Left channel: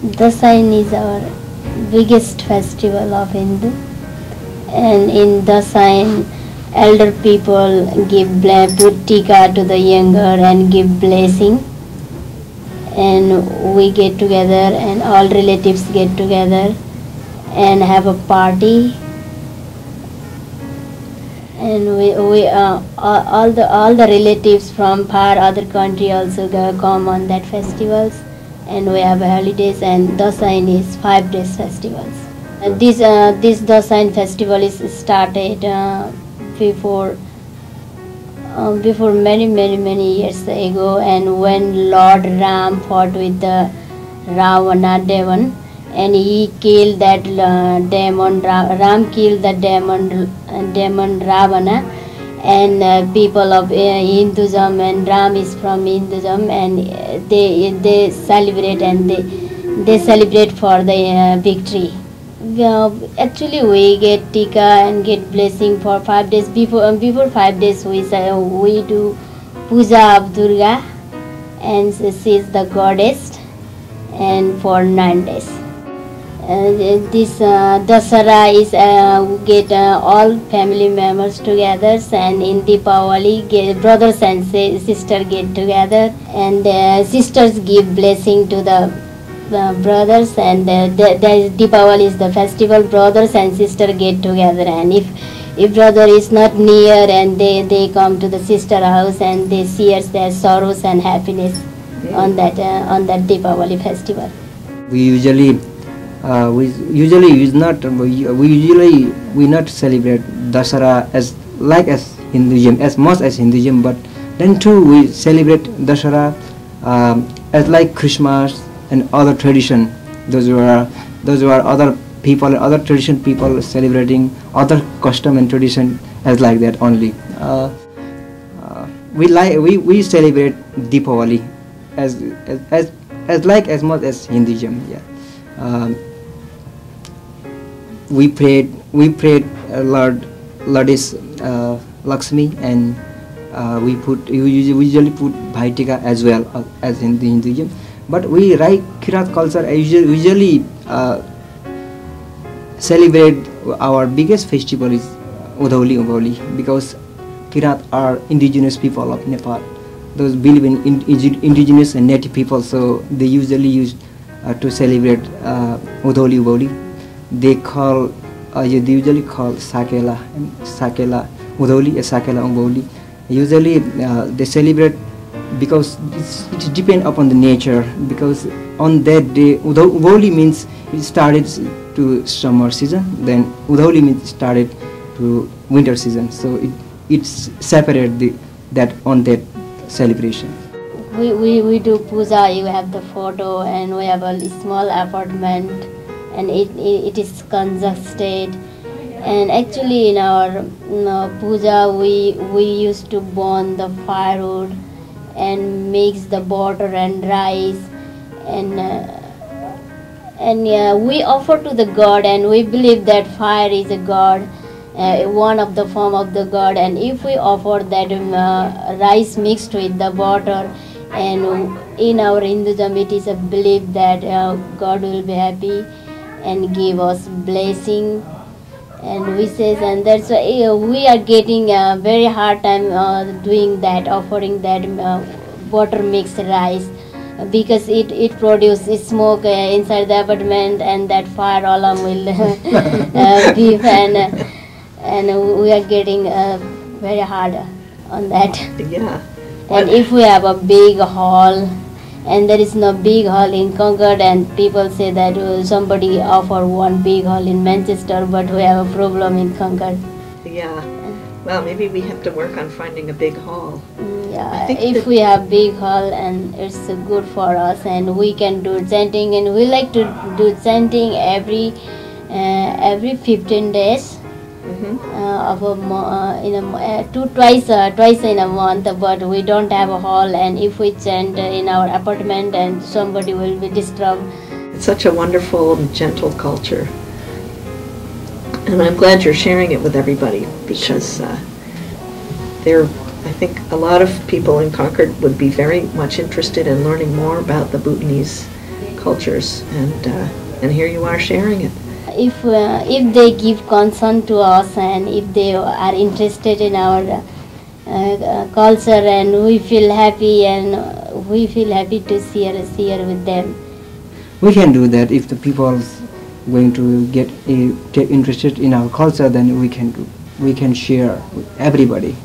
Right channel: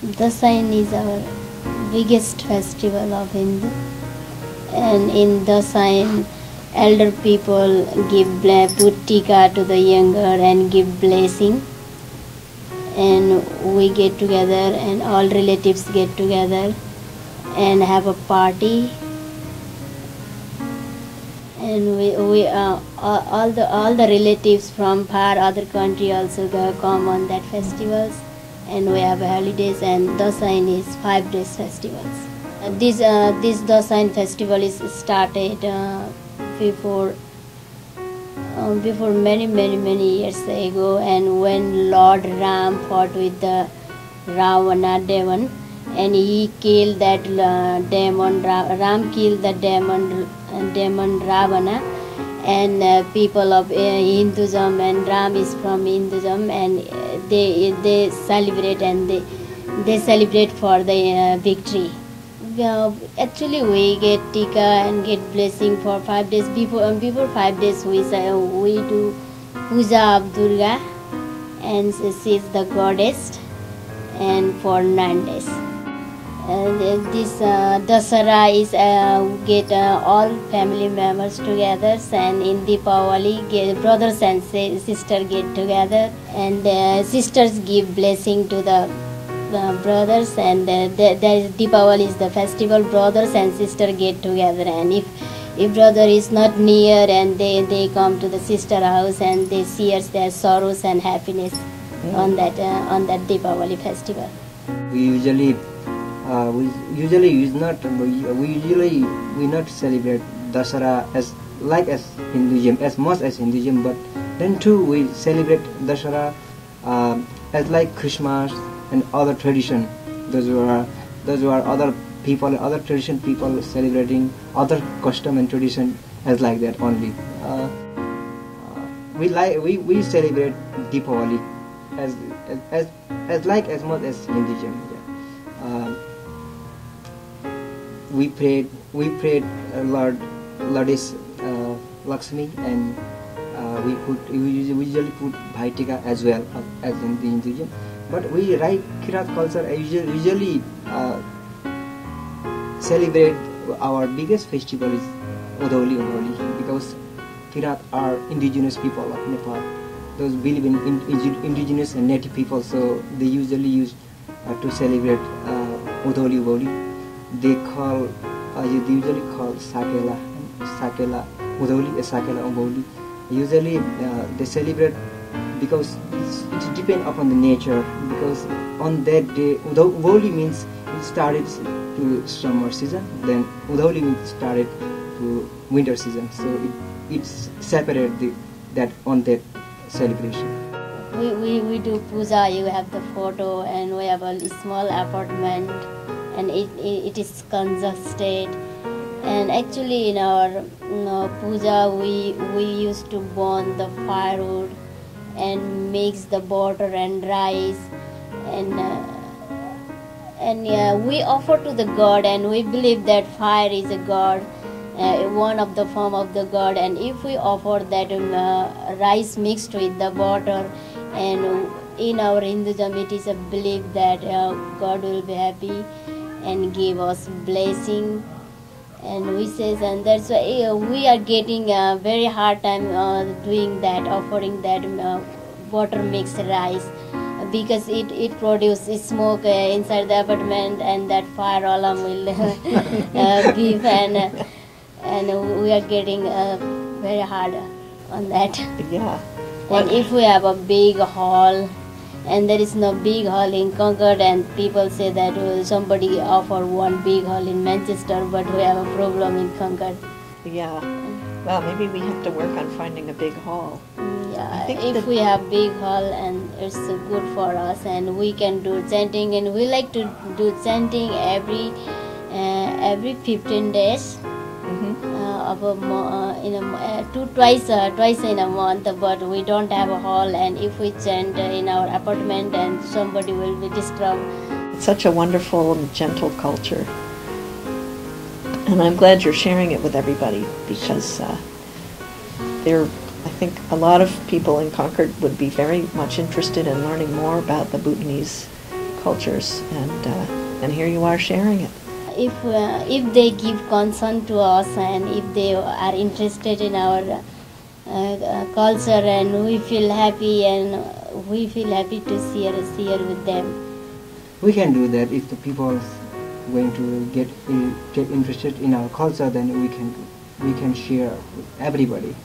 Dasain is our biggest festival of Hindu, and in Dasain, elder people put tika to the younger and give blessing, and we get together and all relatives get together and have a party, and we all the relatives from far other country also come on that festivals, and we have holidays, and Dasain is 5 days festivals. This Dasain festival is started before many years ago, and when Lord Ram fought with the Ravana demon, and he killed that demon. Ram killed the demon Ravana, and people of Hinduism, and Ram is from Hinduism, and they celebrate, and they celebrate for the victory. Actually, we get tika and get blessing for 5 days. Before 5 days, we do puja of Durga, and she is the goddess, and for 9 days. This Dasara is get all family members together, and in Deepavali brothers and sisters get together, and sisters give blessing to the brothers, and the Deepavali is the festival. Brothers and sisters get together, and if brother is not near, and they come to the sister house, and they share their sorrows and happiness on that Deepavali festival. We usually not celebrate Dasara as Hinduism, as much as Hinduism, but then too we celebrate Dasara as like Christmas and other tradition. Those were other people, other tradition people celebrating other custom and tradition as like that only. We celebrate Deepavali as much as Hinduism. Yeah. We prayed Lord is Lakshmi, and we usually put Bhaitika as well as in the Hinduism. But we like Kirat culture usually celebrate our biggest festival is Udholi, because Kirat are indigenous people of Nepal. Those believe in indigenous and native people, so they usually use to celebrate Udholi. They usually call Sakela Udholi, Sakela Udholi. Usually they celebrate because it depends upon the nature, because on that day Udholi means it started to summer season, then Udholi means started to winter season, so it's separate that on that celebration. We do puja. You have the photo, and we have a small apartment, and it is congested. And actually, in our puja, we used to burn the firewood and mix the butter and rice, and we offer to the god, and we believe that fire is a god, one of the form of the god. And if we offer that rice mixed with the butter, and in our Hinduism it is a belief that God will be happy and give us blessing and wishes, and that's why we are getting a very hard time doing that, offering that butter mixed rice, because it produces smoke inside the apartment, and that fire alarm will beep, and we are getting very hard on that. Yeah. And if we have a big hall, and there is no big hall in Concord, and people say that somebody offer one big hall in Manchester, but we have a problem in Concord. Yeah. Well, maybe we have to work on finding a big hall. Yeah, if we have big hall, and it's good for us, and we can do chanting, and we like to do chanting every 15 days. Twice in a month, but we don't have a hall, and if we chant in our apartment, and somebody will be disturbed. It's such a wonderful and gentle culture, and I'm glad you're sharing it with everybody, because I think a lot of people in Concord would be very much interested in learning more about the Bhutanese cultures, and here you are sharing it. If they give concern to us and if they are interested in our culture, and we feel happy to share with them. We can do that if the people going to get interested in our culture. Then we can share with everybody.